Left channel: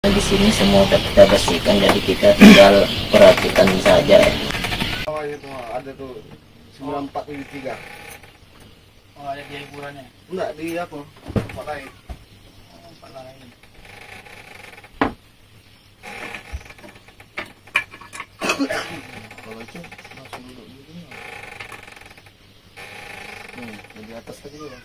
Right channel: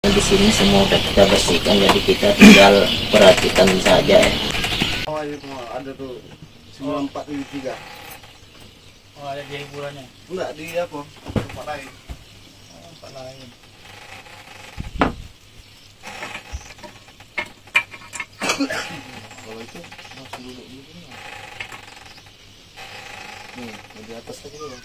Di sini semua udah kita bersihkan, jadi kita tinggal perhatikan saja. Oh, itu ada tuh 9473. Oh, ada di hiburannya? Enggak, di apa? Tempat lain. Oh, tempat lain. Kalau itu langsung duduk di sini. Di atas tadi loh.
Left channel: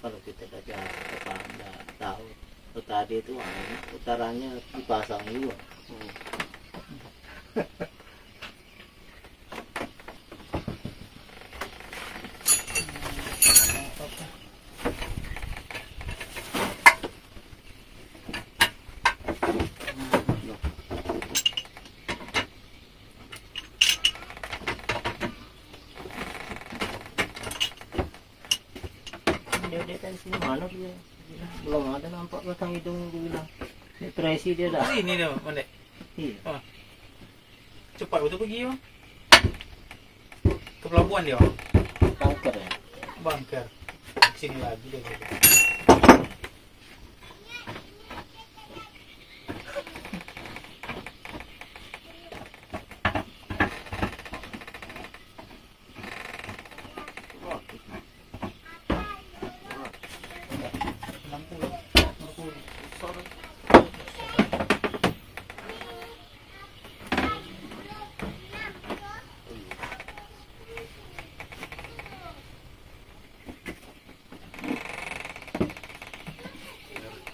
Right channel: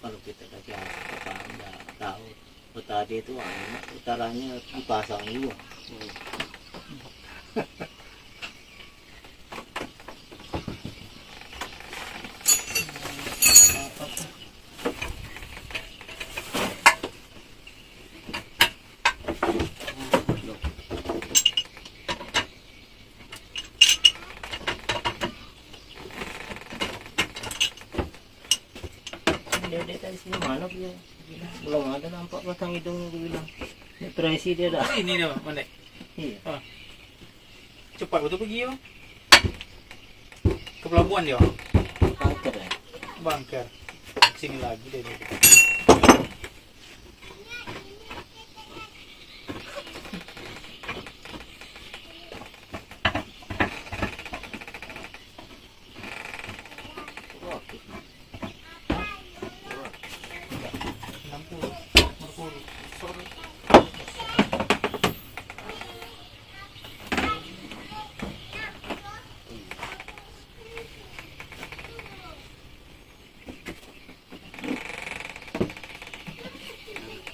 Kalau kita baca nggak tahu tadi itu utaranya dipasang juga. Dia tadi sini mana dia? Belum ada nampak batang hidung dia bilang. Depresi dia dah. Ini dia, Mandek. Iya. Oh. Cepat betul pergi bang. Ke pelabuhan dia. Kanker ya. Bangker. Sini lagi dia.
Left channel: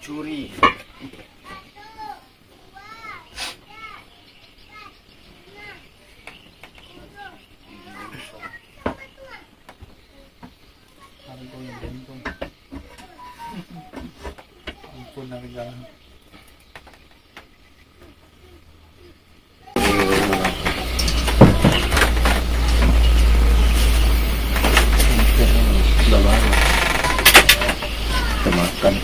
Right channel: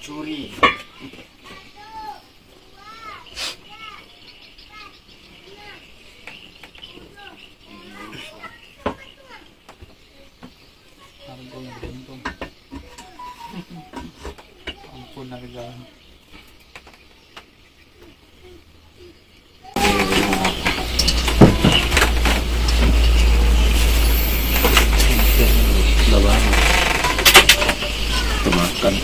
Curi. Harganya beruntung. Ampun harganya. Sudah lama. Kita makan.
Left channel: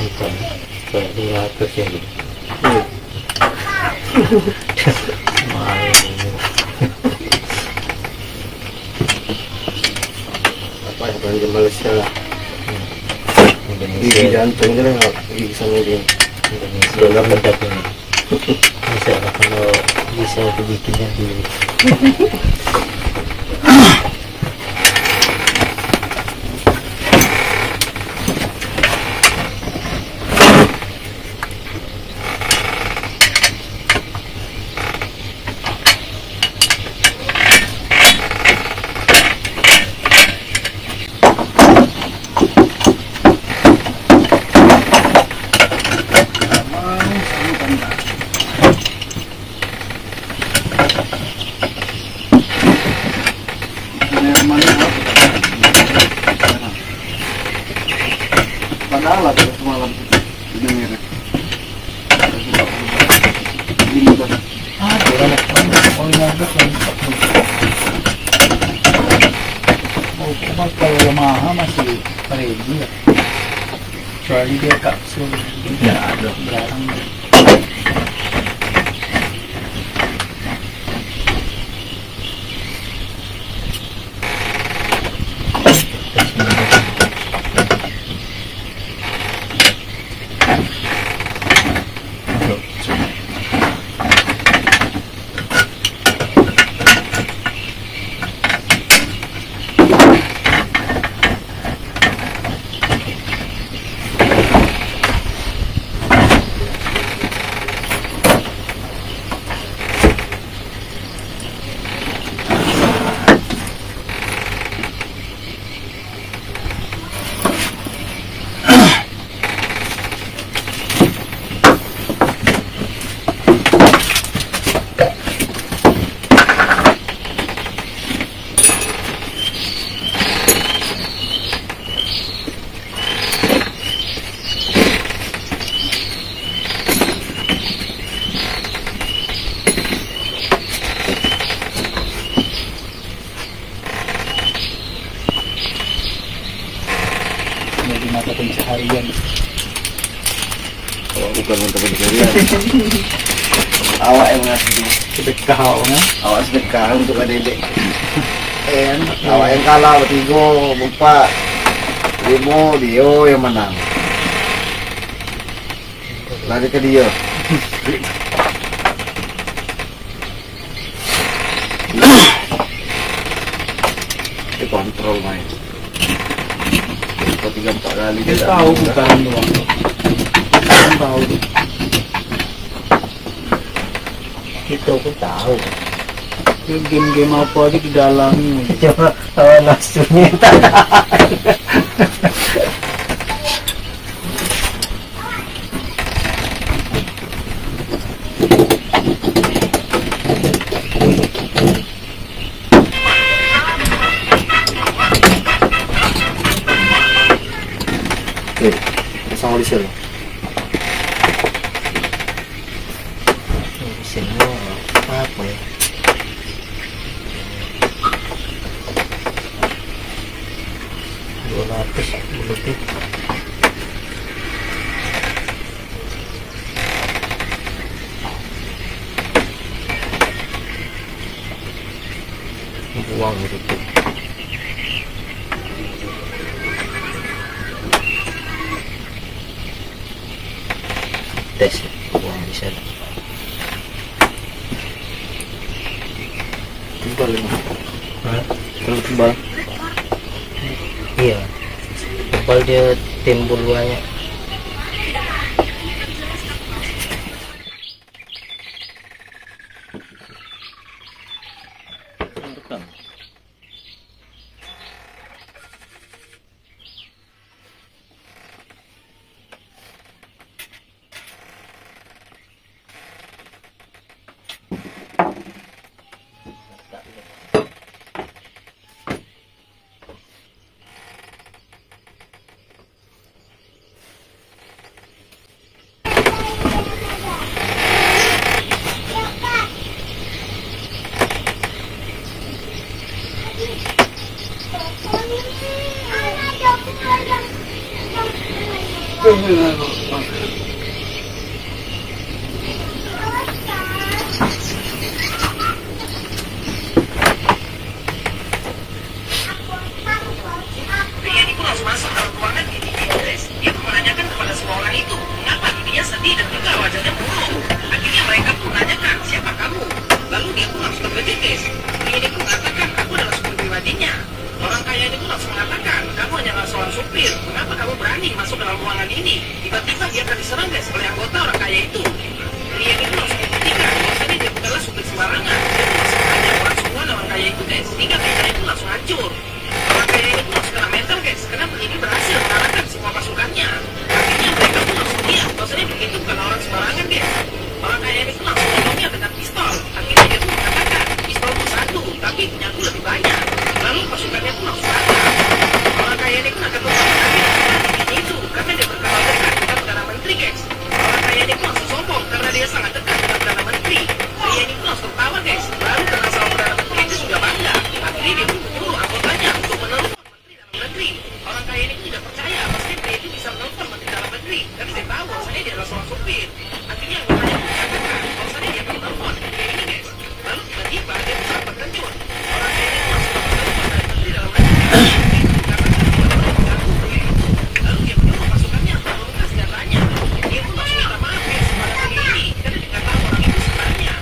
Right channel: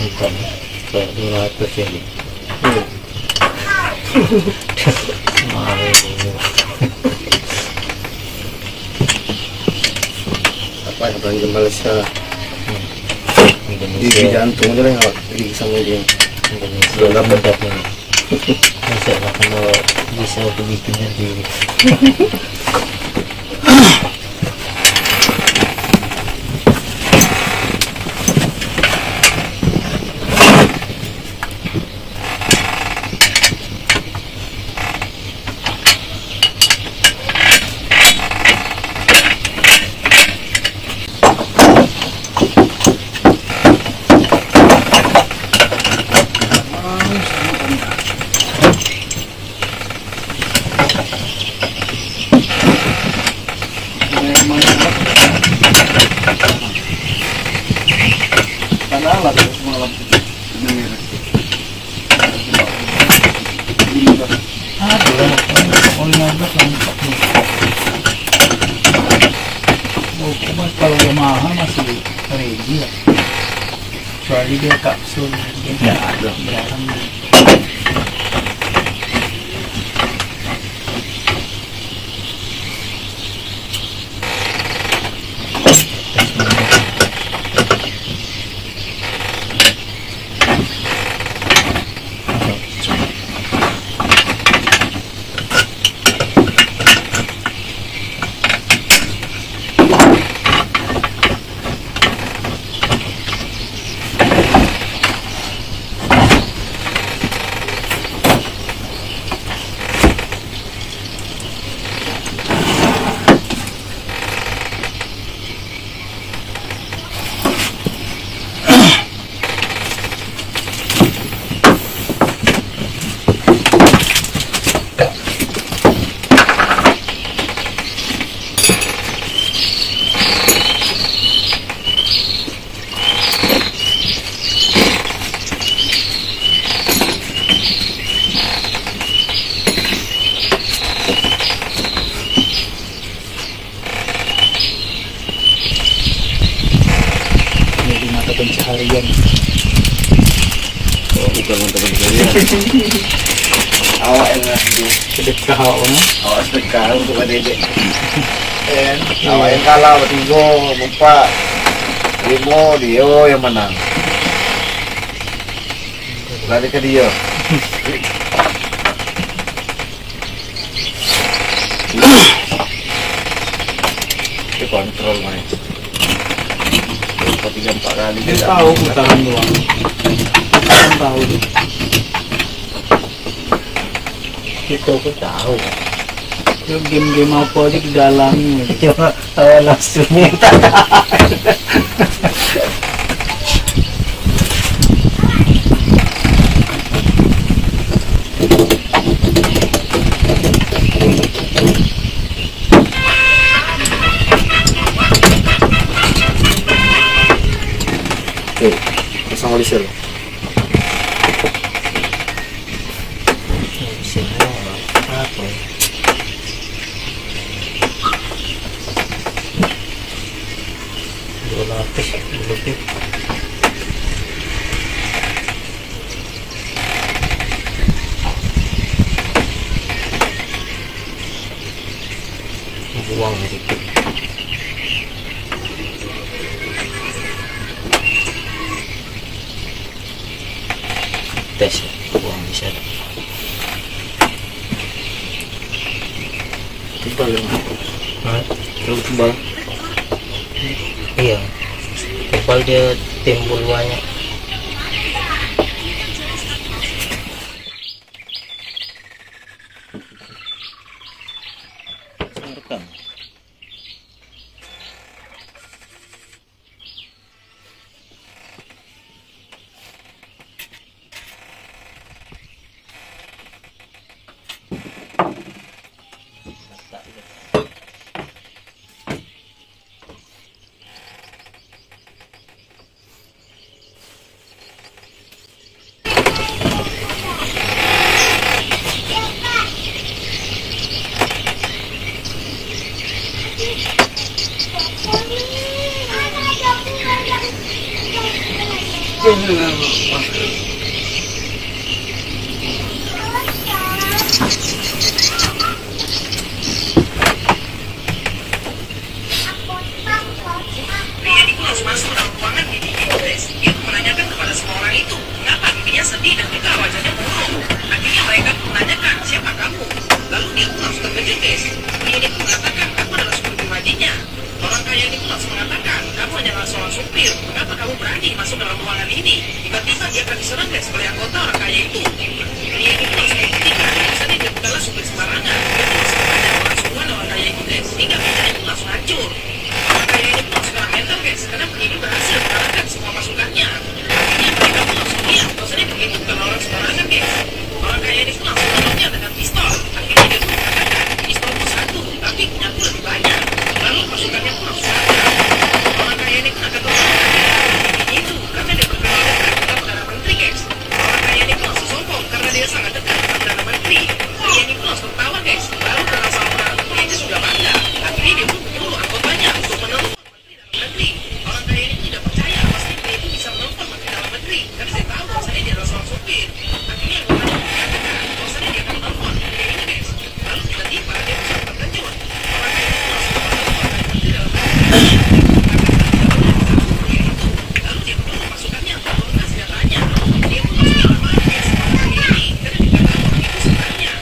Bukan, kayak 200 ini. Apa yang belanja Malaysia? Gigi Indonesia, jantung aja lah, gigi sama dia. Indonesia dapat ini. Bisa lah kalau bisa aku bikin sendiri. Padahal ada semalam ini mirip. Oh iya, betul. Oh, cuma kalau Yamaha masih ready ya. Kecuali dia kapsul. Ya, ada. Berang. pencarian. Oh, bukan untuk pencarian. Awak yang ngasih. Sedekah awaknya. Awak sedekah untuk adik-adik. Kan? Awak yang kalah bertiga, berempat. 5 dia yang menang. Lari ke dia. Dia kontrol main. 3-4 kali. Dia tahu putaran doang. Dia tahu dia. Itu aku tahu. Dia game-game apa aja didalami. Cuma hawa nafsunya tak ada. Pasang oli sel. Semua apa ya? Lebih. Buang gitu. Tes buang bisa. Tebal ya. Hah? Terlalu tebal. Iya. Tebal dia timbul banyak. Rekam. Rian itu langsung masuk ke dalam ruangan bibi Grace. Dia pun menanyakan kepada semua orang itu, mengapa bibinya sedih dan juga wajahnya murung. Akhirnya mereka pun menanyakan, siapa kamu? Lalu dia pun langsung terkejut, guys. Rian itu mengatakan, aku adalah supir pribadinya. Orang kaya ini pun langsung mengatakan, kamu hanyalah seorang supir. Mengapa kamu berani masuk ke dalam ruangan ini? Tiba-tiba dia akan diserang, guys, oleh anggota orang kaya itu. Rian itu langsung membuktikan, bahwasanya dia bukanlah supir sembarangan. Dia pun langsung banyak orang semua orang kaya itu, guys. Hingga meja itu langsung hancur. Orang kaya ini pun langsung kena mental, guys, karena penyidik berhasil mengalahkan semua pasukannya. Akhirnya mereka pun langsung lihat bahwasanya begitu bukan orang sembarangan, guys. Orang kaya ini pun langsung menolongnya dengan pistol. Akhirnya dia pun mengatakan, pistol itu satu, tapi punyaku lebih banyak. Lalu pasukannya pun langsung datang. Orang kaya ini pun akan memperhatikan bibinya itu, karena dia berkenal dekat dengan Perdana Menteri, guys. Orang kaya ini pun langsung sombong karena dia sangat dekat dengan Perdana Menteri. Dia ini pun langsung tertawa, guys. Lalu karena sama Perdana Menteri itu sudah bangga, akhirnya dia pun menyuruh anggotanya untuk menelpon Menteri Dalam Negeri. Orang kaya ini pun tidak percaya pasti dia itu bisa menelpon Menteri Dalam Negeri, karena dia tahu bahwasanya dia adalah seorang supir. Akhirnya anggotanya pun mengatakan bahwasanya dia akan menelpon dia ini, guys. Lalu tiba-tiba dia pun sangat terkejut. Orang kaya ini pun langsung menelpon dari Menteri Dalam Negeri. Karena tidak boleh mengganggu pria itu. Lalu dia menyuruh pasukannya untuk menurunkan senjatanya. Dia pun langsung minta maaf, guys, kepada pria ini, karena dia tidak tahu orang itu sebenarnya.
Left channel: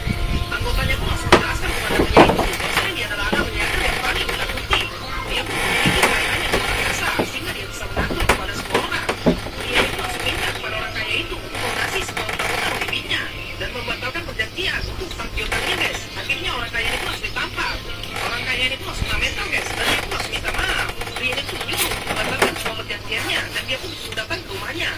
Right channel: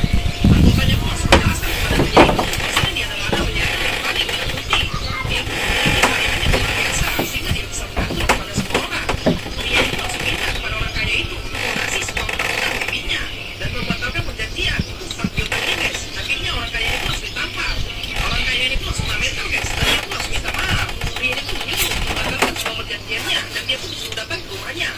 Anggotanya pun langsung menjelaskan kepada pria itu bahwasanya dia adalah anak penyair yang paling menakuti. Dia pun memiliki kekayaan yang luar biasa, sehingga dia bisa mengatur kepada semua orang. Pria itu langsung minta kepada orang kaya itu untuk melunasi semua utang-utang bibinya dan membatalkan perjanjian untuk utang piutangnya, guys. Akhirnya orang kaya ini pun langsung ditampar. Orang kaya ini pun langsung mental, guys, dan dia pun langsung minta maaf. Pria ini pun menyuruh membatalkan semua perjanjiannya dan dia pun disuruh datang ke rumahnya.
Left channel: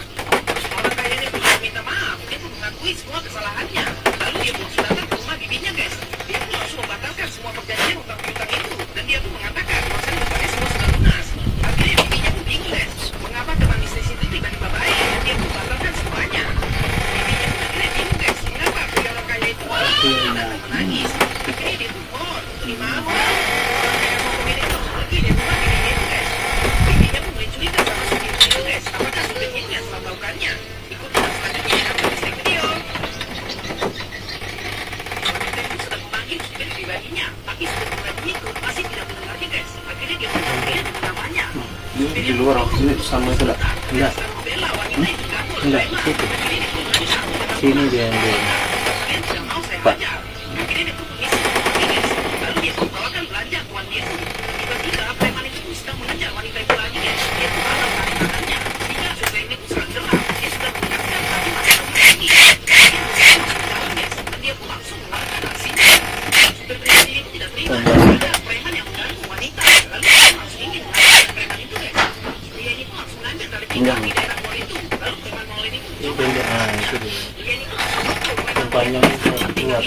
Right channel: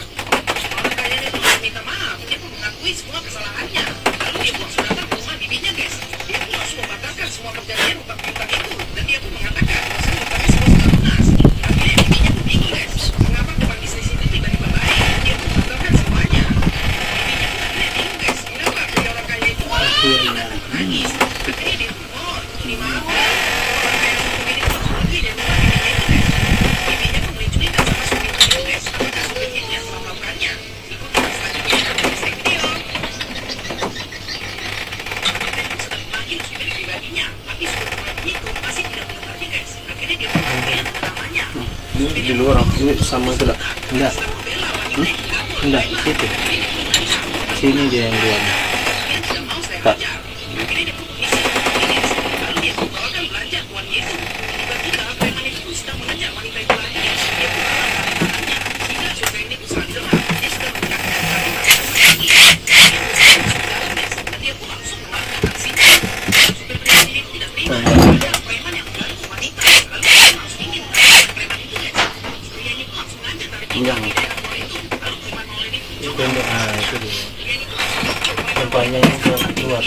Orang kaya ini pun langsung minta maaf. Dia pun mengakui semua kesalahannya. Lalu dia pun langsung datang ke rumah bibinya, guys. Dia pun langsung membatalkan semua perjanjian utang piutang itu dan dia pun mengatakan bahwasanya utangnya semua sudah lunas. Akhirnya bibinya pun bingung, guys, mengapa teman bisnis itu tiba-tiba baik dan dia pun membatalkan semuanya. Bibinya pun akhirnya bingung, guys, mengapa pria orang kaya itu datang menangis. Akhirnya dia pun mohon untuk dimaafkan. Orang kaya sombong ini pun langsung pergi dari rumah bibinya itu, guys. Bibinya pun mulai curiga sama supir itu, guys. Apakah supirnya Ini di luar, ini sama itu enggak? Enggak. Enggak, situ. Sini dia yang dua. Pak. Enggak. Itu dia. Ah, itu dia. Tempatnya itu keluar.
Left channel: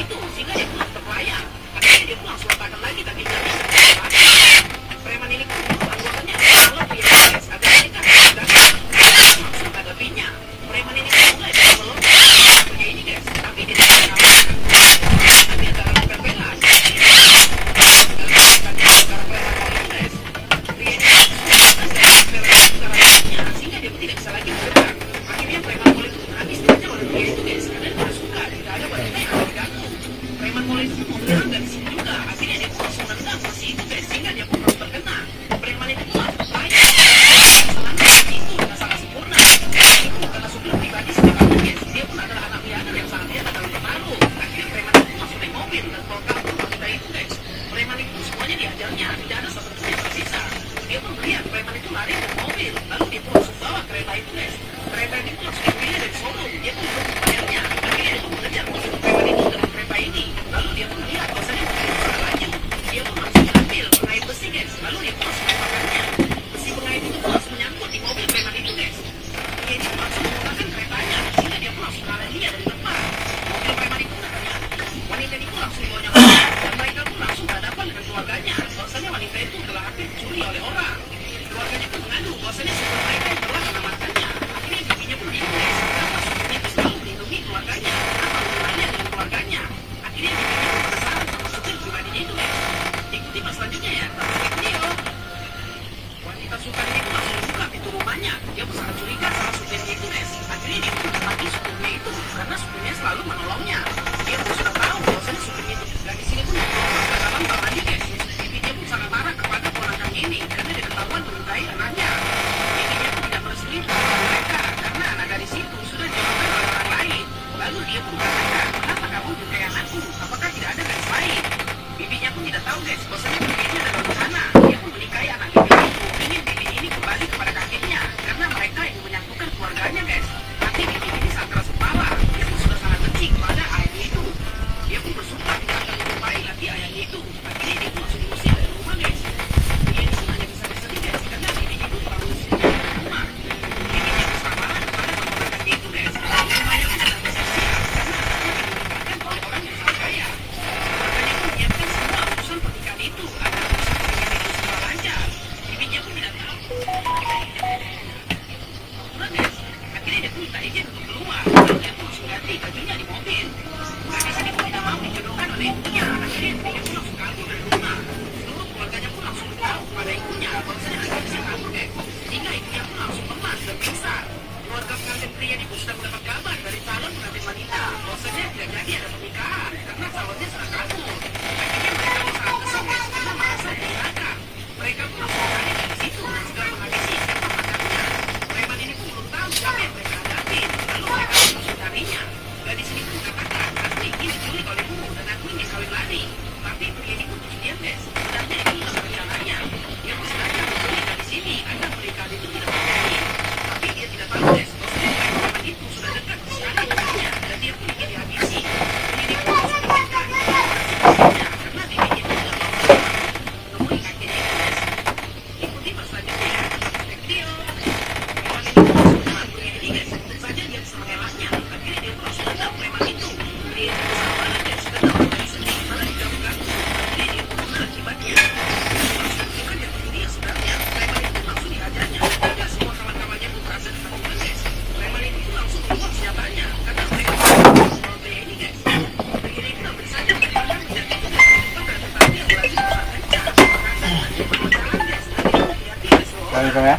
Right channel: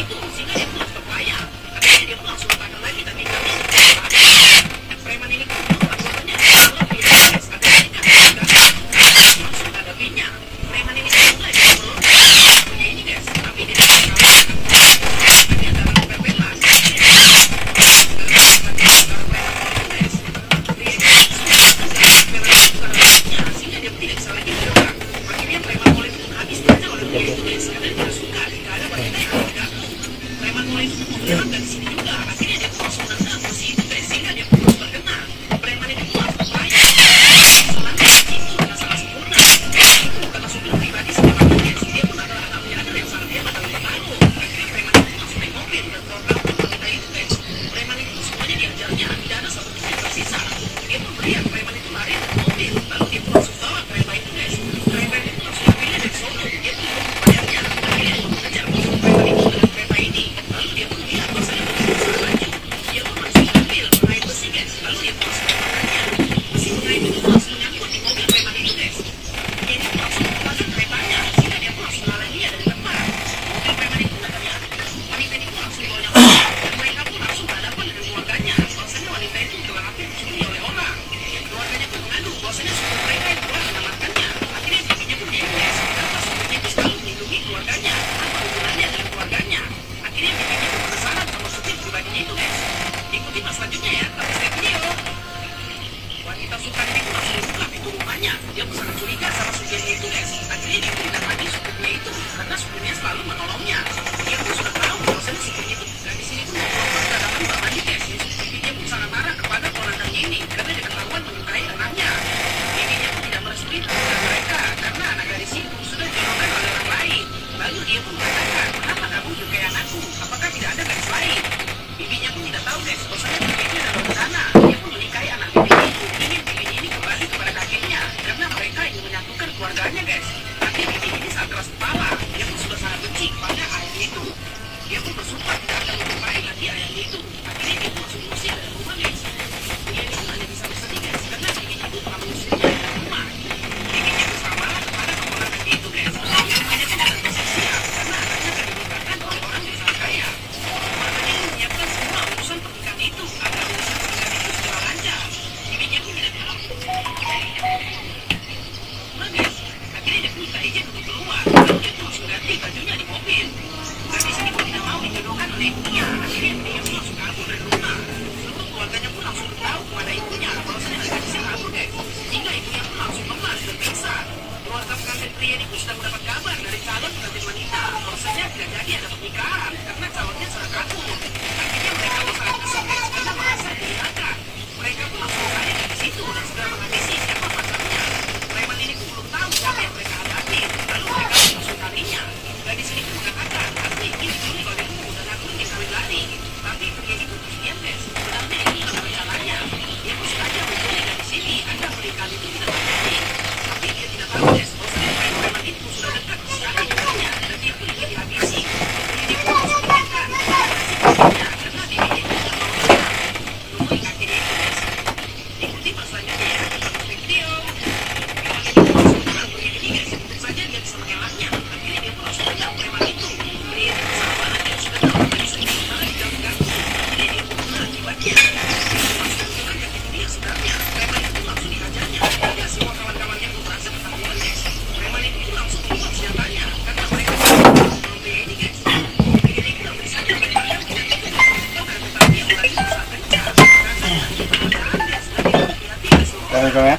Ya?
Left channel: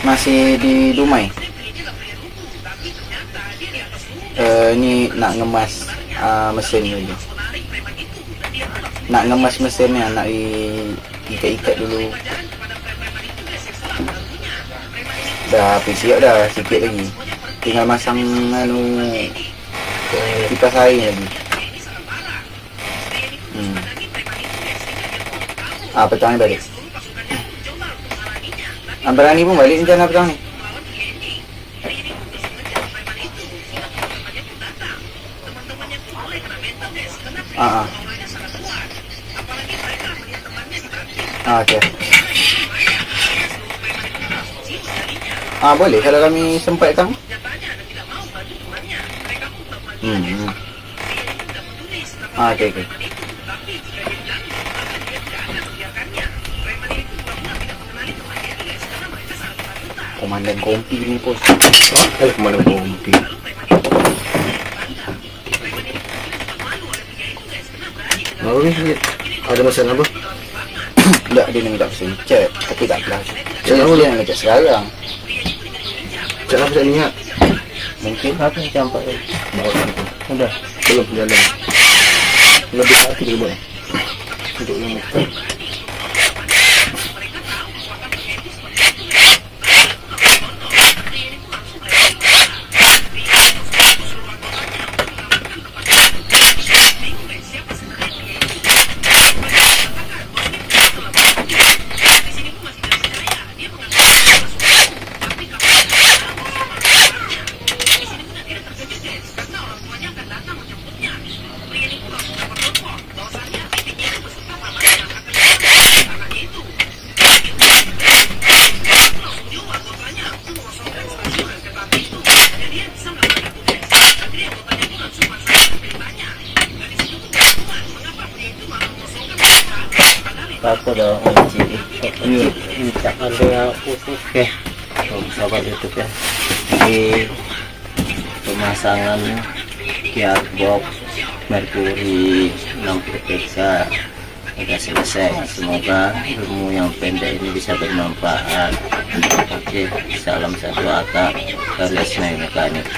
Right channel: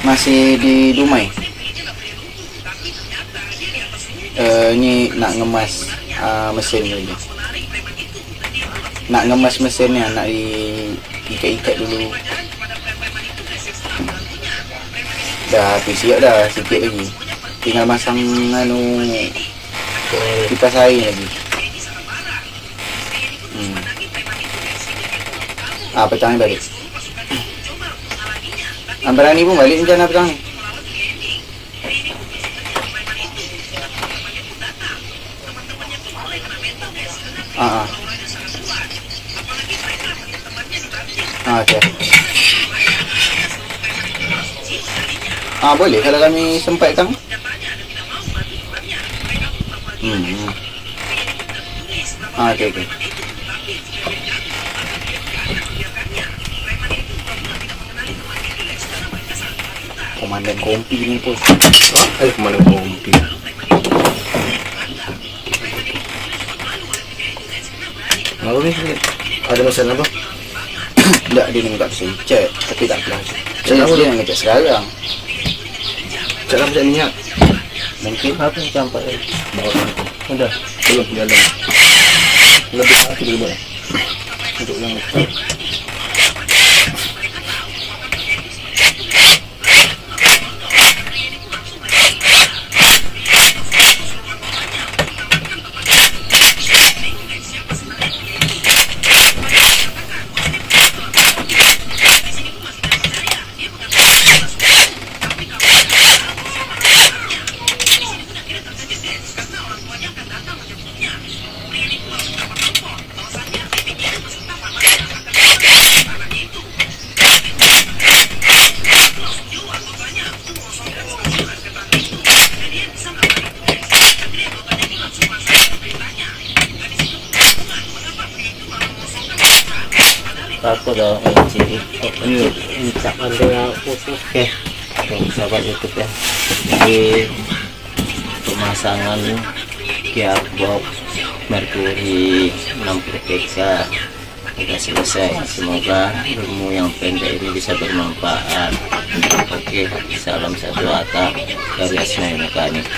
Masih di Dumai. Ini nak ngemas mesin dulu. nak ngemas mesinnya, nak ikat-ikat dulu. Dah habis siap dah, sikit lagi. Tinggal masang kipas air lagi. Petang ni balik. Petang ni pun balik rencana petang ni. Okey. Boleh kalau kami sempatkan. Okey. Komandan kompi ni pun. Komandan kompi. Lalu ni ada masalah apa? Tak, dia nak minta pesan cat. Tapi tak apalah. Dia nak cat sekarang. Cat apa cat minyak? Mungkin Apa yang campak tadi? Udah. Belum jalan. Lebih satu dulu boleh. Untuk yang betul. Apa dah minta anda usus ke sahabat itu kan di pemasangan gearbox Mercury 60 peksa sudah selesai. Semoga ilmu yang pendek ini bisa bermanfaat. Oke, salam satu atap dari Asmaul Mekanik.